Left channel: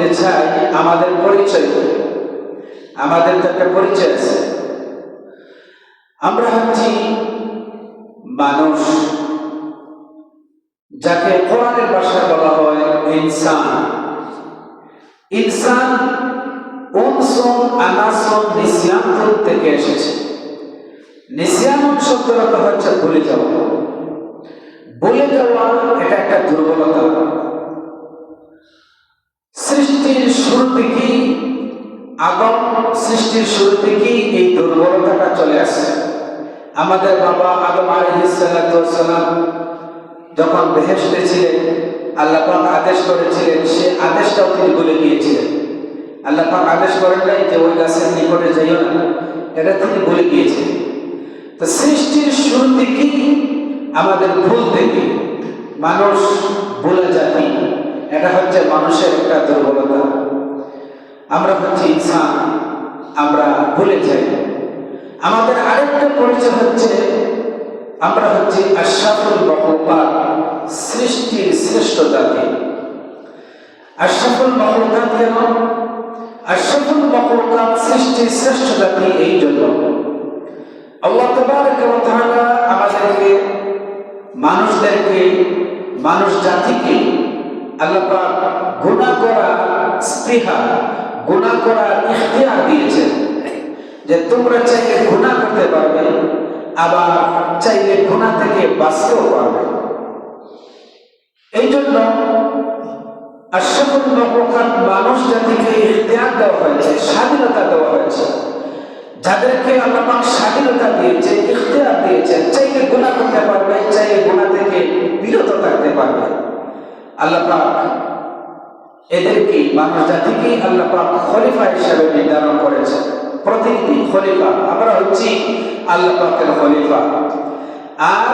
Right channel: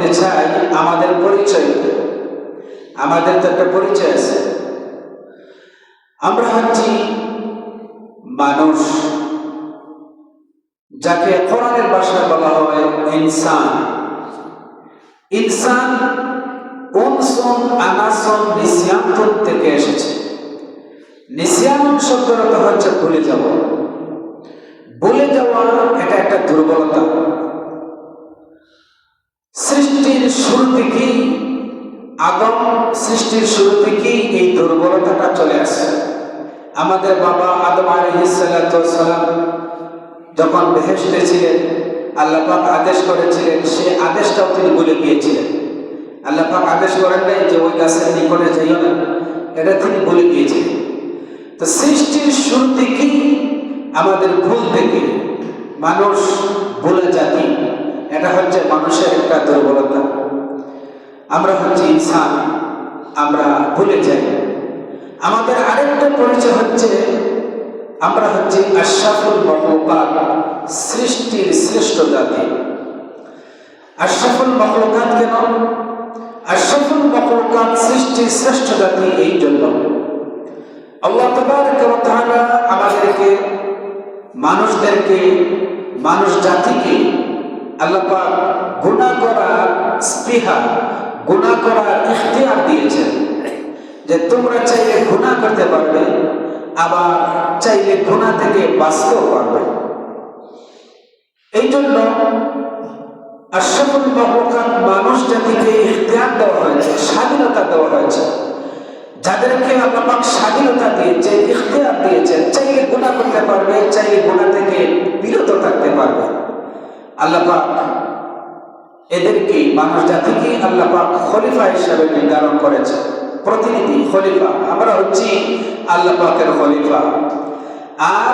দিতে চাই আমাদের পরিচয়। আমাদের তো একটা পরিচয় আছে, আমরা হচ্ছি মানুষ, যাকে কোরআনের ভাষায় বলা হয় ইনসান। ইনসান উনসুন আনাসুন নিসিয়ান থেকে এসেছে। নিসিয়ান শব্দটা হচ্ছে ভুলে যাওয়া। ভুলে যাওয়া এটা একটা দুর্বলতা। সৃষ্টির শুরু থেকেই, আদম সৃষ্টির শুরু থেকেই এই দুর্বলতাটা চলে আসে। আমাদের বাবা আদম আলাইহিস সালাম যখন বেহেশতে ছিলেন, আল্লাহ পাক আদেশ করেছিলেন, সে আদেশটাও তিনি ভুলে গিয়েছিলেন। আল্লাহ পাক আদেশ করেন নাই যে ওই গাছের নিকটে যাইও না, এটা তিনি ভুলে গিয়েছিলেন। তো সৃষ্টির শুরু থেকেই আমাদের ভুল থেকে মানুষ ভুলে জাতি, এটা হচ্ছে মানুষের একটা দুর্বলতা। আমরা হচ্ছে ইনসান, আমরা ভুলে যাই। আমাদের আরেকটা পরিচয় হচ্ছে আমরা হচ্ছে আশরাফুল মাখলুকাত, সৃষ্টির শ্রেষ্ঠ জাতি। আশরাফুল মাখলুকাত কেন? আশরাফুল মাখলুকাত সৃষ্টির শ্রেষ্ঠ জাতি এই জন্য, আল্লাহ তাবারক ওয়া তাআলা আমাদেরকে, মানুষদেরকে, মানুষ জাতিকে আল্লাহ পাক গুনাহ করার স্পৃহা, গুনাহ করার ইখতিয়ার দিয়েছেন, যে তোমরা চাইলে গুনাহ করতে পারবে, আবার চাইলে গুনাহ থেকে বাঁচতেও পারবে। এই জন্য আশরাফুল মাখলুকাত মানুষ জাতিকে ইখতিয়ার দেওয়া হয়েছে, স্বাধীনতা দেওয়া হয়েছে। যাদেরকে আল্লাহ পাক স্বাধীনতা দিয়েছে, ইখতিয়ার দিয়েছেন, চাইলে গুনাহ করতে পারবে, চাইলে গুনাহ থেকে বিরত থাকতে পারবে। আল্লাহ পাক এদেরকে, মানুষ জাতিকে আল্লাহ পাক খলিফা হিসেবে নির্ধারণ করেছেন, প্রতিনিধি খলিফা। আমরা হচ্ছি আল্লাহ পাকের খলিফা। আর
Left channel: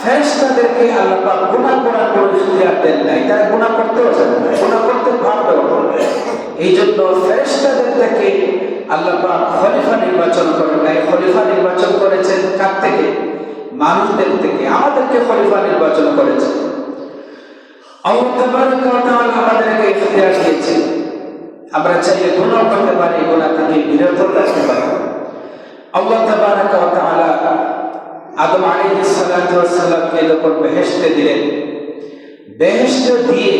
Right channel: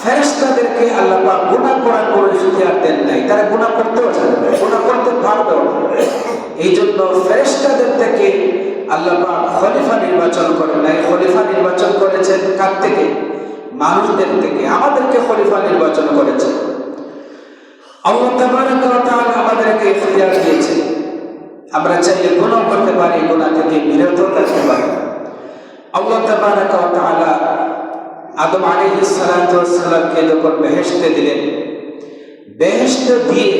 ফেরেশতাদেরকে আল্লাহ পাক গুনাহ করার কোনো ইখতিয়ার দেন নাই, তারা গুনাহ করতেও জানে না, গুনাহ করতে পারবে না। এই জন্য ফেরেশতাদের থেকে আল্লাহ পাক খলিফা নির্বাচন করেন নাই। খলিফা নির্বাচন করেছেন কার থেকে? মানুষদের থেকে। আমাদেরকে খলিফা নির্বাচন করেছেন। আল্লাহ তাবারক ওয়া তাআলা আমাদেরকে ইখতিয়ার দিয়েছেন, আমরা চাইলে গুনাহ করতে পারি, গুনাহ থেকে বিরত থাকতে পারি। আল্লাহ তাবারক ওয়া তাআলা আদম আলাইহিস সালামকে যখন বেহেশতে দিলেন, বেহেশতে দিয়ে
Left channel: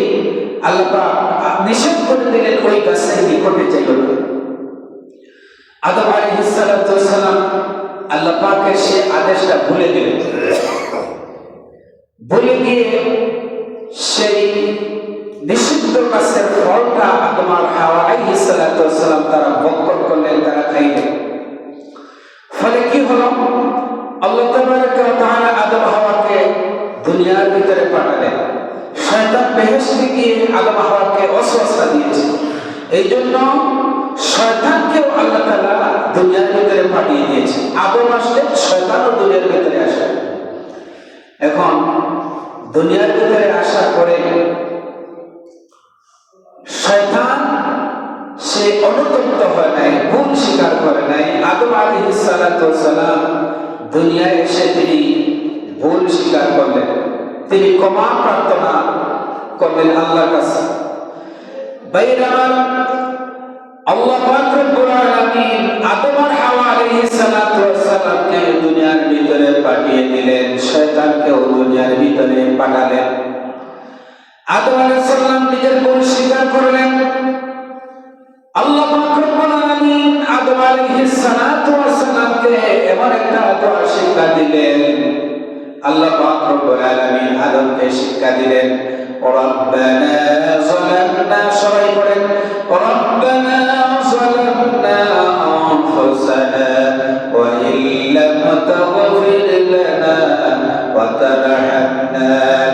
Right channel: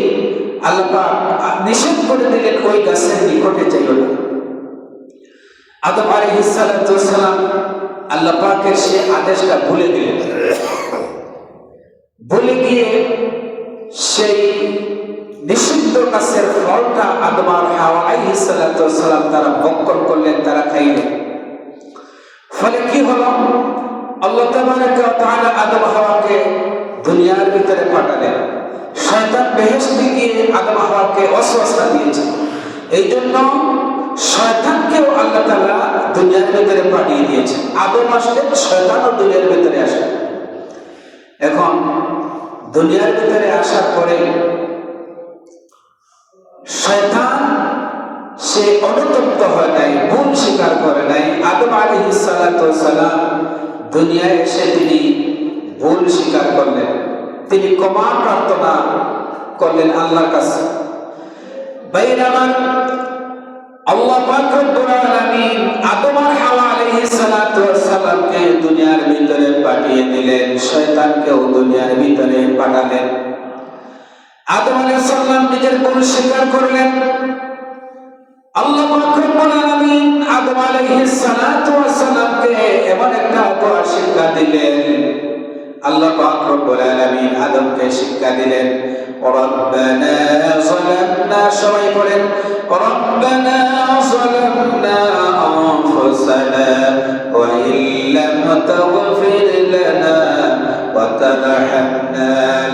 আল্লাহ পাক নিষেধ করে দিলেন ওই গাছের নিকটে যাইও না। আদম আলাইহিস সালাম আল্লাহ পাকের সেই আদেশটা ভুলে গেলেন। ভুলে গিয়ে সেই নিষিদ্ধ গাছের ফলটা আদম আর হাওয়া আলাইহিস সালাম তারা ভক্ষণ করলেন, তারা খাইলেন। ফলে কি হলো? আল্লাহ তাবারক ওয়া তাআলা আদম হাওয়াকে দুনিয়ার ভিতরে পাঠালেন। শয়তান বেহেশতে গিয়ে আদম হাওয়াকে ওয়াসওয়াসা দিয়েছে। এই জন্য শয়তানকেও আল্লাহ তাআলা দুনিয়ার ভিতরে পাঠিয়ে দিয়েছে। আদম আসলে শয়তানও দুনিয়ার ভিতরে আসে। এখন দুনিয়ার ভিতরে আসার পরে শয়তান সে অনুতপ্ত হয় নাই, ভুল স্বীকার করে নাই। আদম আলাইহিস সালাম দুনিয়ায় এসে তিনি ভুল স্বীকার করলেন, তিনি ক্ষমা প্রার্থনা করলেন আল্লাহর কাছে। বাইরামা আল্লাহ পাক রব্বুল আলামিন আদম আর হাওয়া আলাইহিস সালামকে দুনিয়ার ভিতরে পাঠিয়ে দিলেন, শয়তানকেও দুনিয়ার ভিতরে পাঠালেন। আদম আলাইহিস সালাম নিজের ভুল স্বীকার করলেন। আল্লাহ পাক রব্বুল আলামিন আদম আলাইহিস সালামকে এমন একটা শিক্ষা দিলেন। আল্লাহ পাক রব্বুল আলামিন আদমকে শিক্ষা দিলেন, রব্বানা যালামনা, সবাই বলেন রব্বানা যালামনা আনফুসানা ওয়া ইল্লাম তাগফির লানা ওয়া তারহামনা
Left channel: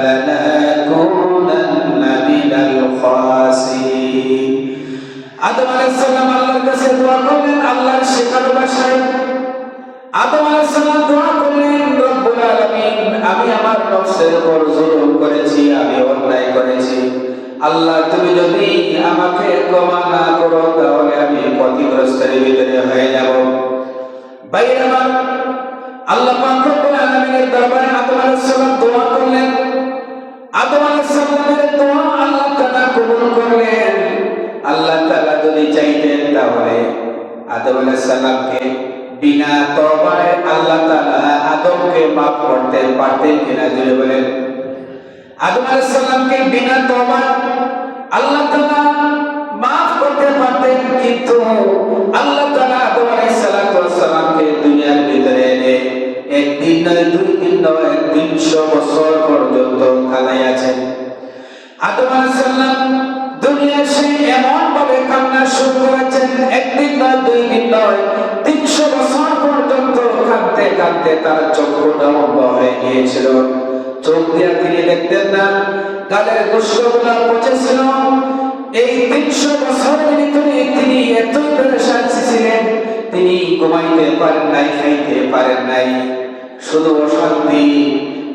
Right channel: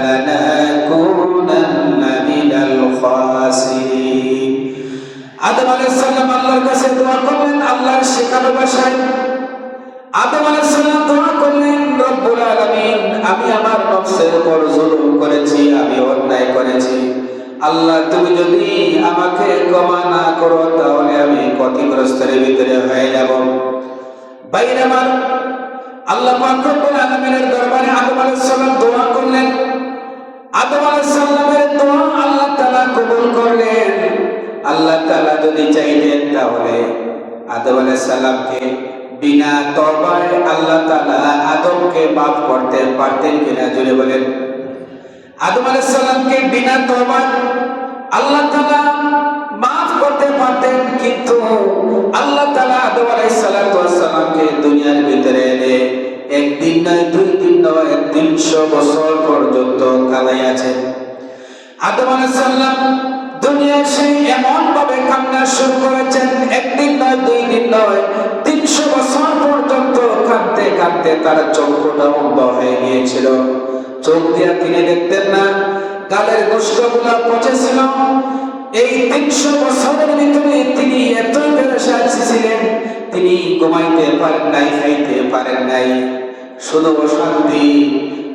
লানাকুনান্না মিনাল খাসিরিন। আদম আলাইহিস সালাম আল্লাহর কাছে দোয়া করলেন, আল্লাহর শেখানো ভাষায় আদম আলাইহিস সালাম দোয়া করলেন, রব্বুল আলামিন আমি আমার নফসের উপর জুলুম করেছি, আমি অন্যায় করেছি। আল্লাহ তুমি যদি আমাকে ক্ষমা না করো তাহলে আমি ক্ষতিগ্রস্তের ভিতরে হয়ে যাব। বাইরে আমার আল্লাহ পাক রব্বুল আলামিনের দরবারে আদম আলাইহিস সালাম দোয়া করলেন। আদম আলাইহিস সালামের দোয়া আল্লাহ তাআলা কবুল করলেন। আল্লাহ তাআলা যদি চাইতেন তাহলে আদম আলাইহিস সালামকে বিনা তওবায় আল্লাহ তাআলা আদমকে মাফ করতে পারতেন কিনা জোরে বলেন। আদম আলাইহিস সালামকে বিনা তওবা আল্লাহ তাআলা মাফ করতে পারতেন, কিন্তু আল্লাহ তাআলা আদম আলাইহিস সালামকে দুনিয়ার ভিতরে এনে একদিন নয়, দুই দিন নয়, 300 বছর পর্যন্ত কালাইয়াছেন। আদম আলাইহিস সালাম দুনিয়া এসে এমন ভাবে কান্না শুরু করেছেন, একদিন নয়, দুই দিন নয়, 300 বছর পর্যন্ত কাঁদতে কাঁদতে তার চক্ষুটা বন্ধ হয়ে গিয়েছিল। চোখ দিয়ে তিনি দেখতেন না, গালের গোশতগুলো পচেছিল। এই 300 বছরের ভিতরে তিনি এত পেরেশান ছিলেন, তিনি ঘুমাইতে পারেন নাই, খাইতে পারেন নাই, শুধু অশান্তি।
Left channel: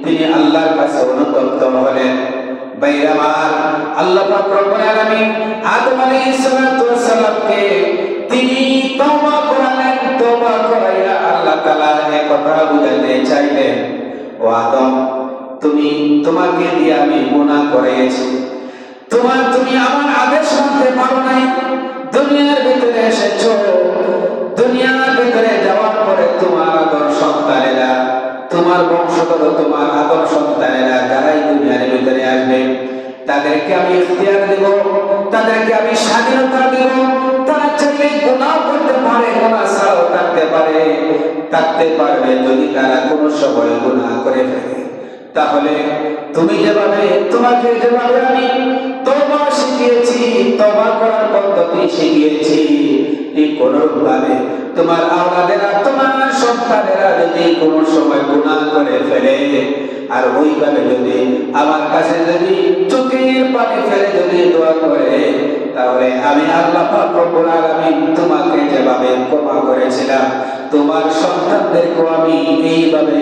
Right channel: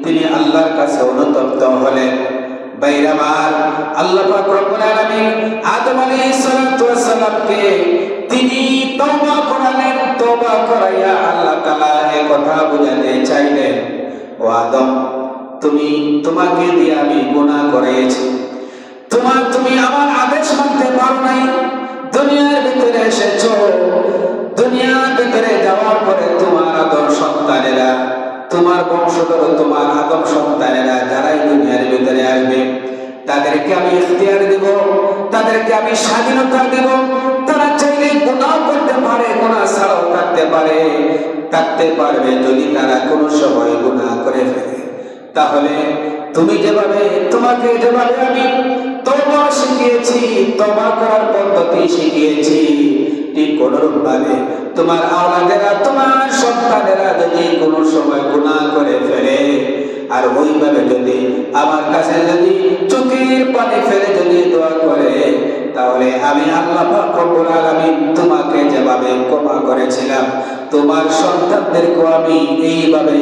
তিনি আল্লাহর কাছে অনুতপ্ত হলেন। বাইরাবার আল্লাহ পাক রব্বুল আলামিন আদম আলাইহিস সালামকে তিনি তওবা করালেন। তওবা করাইয়া আল্লাহ তাআলা এই কথা বুঝাতে চাইলেন, ও আদম, তোমাকে দিয়ে আমি গুনাহ করেছি, তুমি আমার আদেশ মানতে পারো নাই। দুনিয়ার ভিতরে এসেছো, দুনিয়ার ভিতরে যাওয়ার পরে তোমার আদর সন্তানেরা, তোমার বংশধর, তোমার আদর সন্তানেরা যারাই দুনিয়ার ভিতরে আসবে, তাদেরকে আমি ইখতিয়ার দেব, তাদেরকে আমি স্বাধীনতা দেব। তারা চাইলে গুনাহ করতে পারে, গুনাহ ছাড়াও থাকতে পারবে। যদি তারা কোনো সময় গুনাহ করে ফেলে, তাহলে তোমাকে যেভাবে আমি তওবা শিখিয়েছি, তওবা করার পদ্ধতি শিখিয়েছি, ঠিক কোনরূপভাবে তোমার আওলাদেরা, তোমার সন্তানেরা যদি কোনো সময় গুনাহ করে ফেলে, আর ওইভাবে যদি আমার কাছে যদি চোখের পানি ফেলে যদি দোয়া করে, তাহলে আমি আল্লাহ পাক রব্বুল আলামিন তোমাকে যেভাবে ক্ষমা করেছিলাম, তোমার সন্তানদেরকে আমি এইভাবে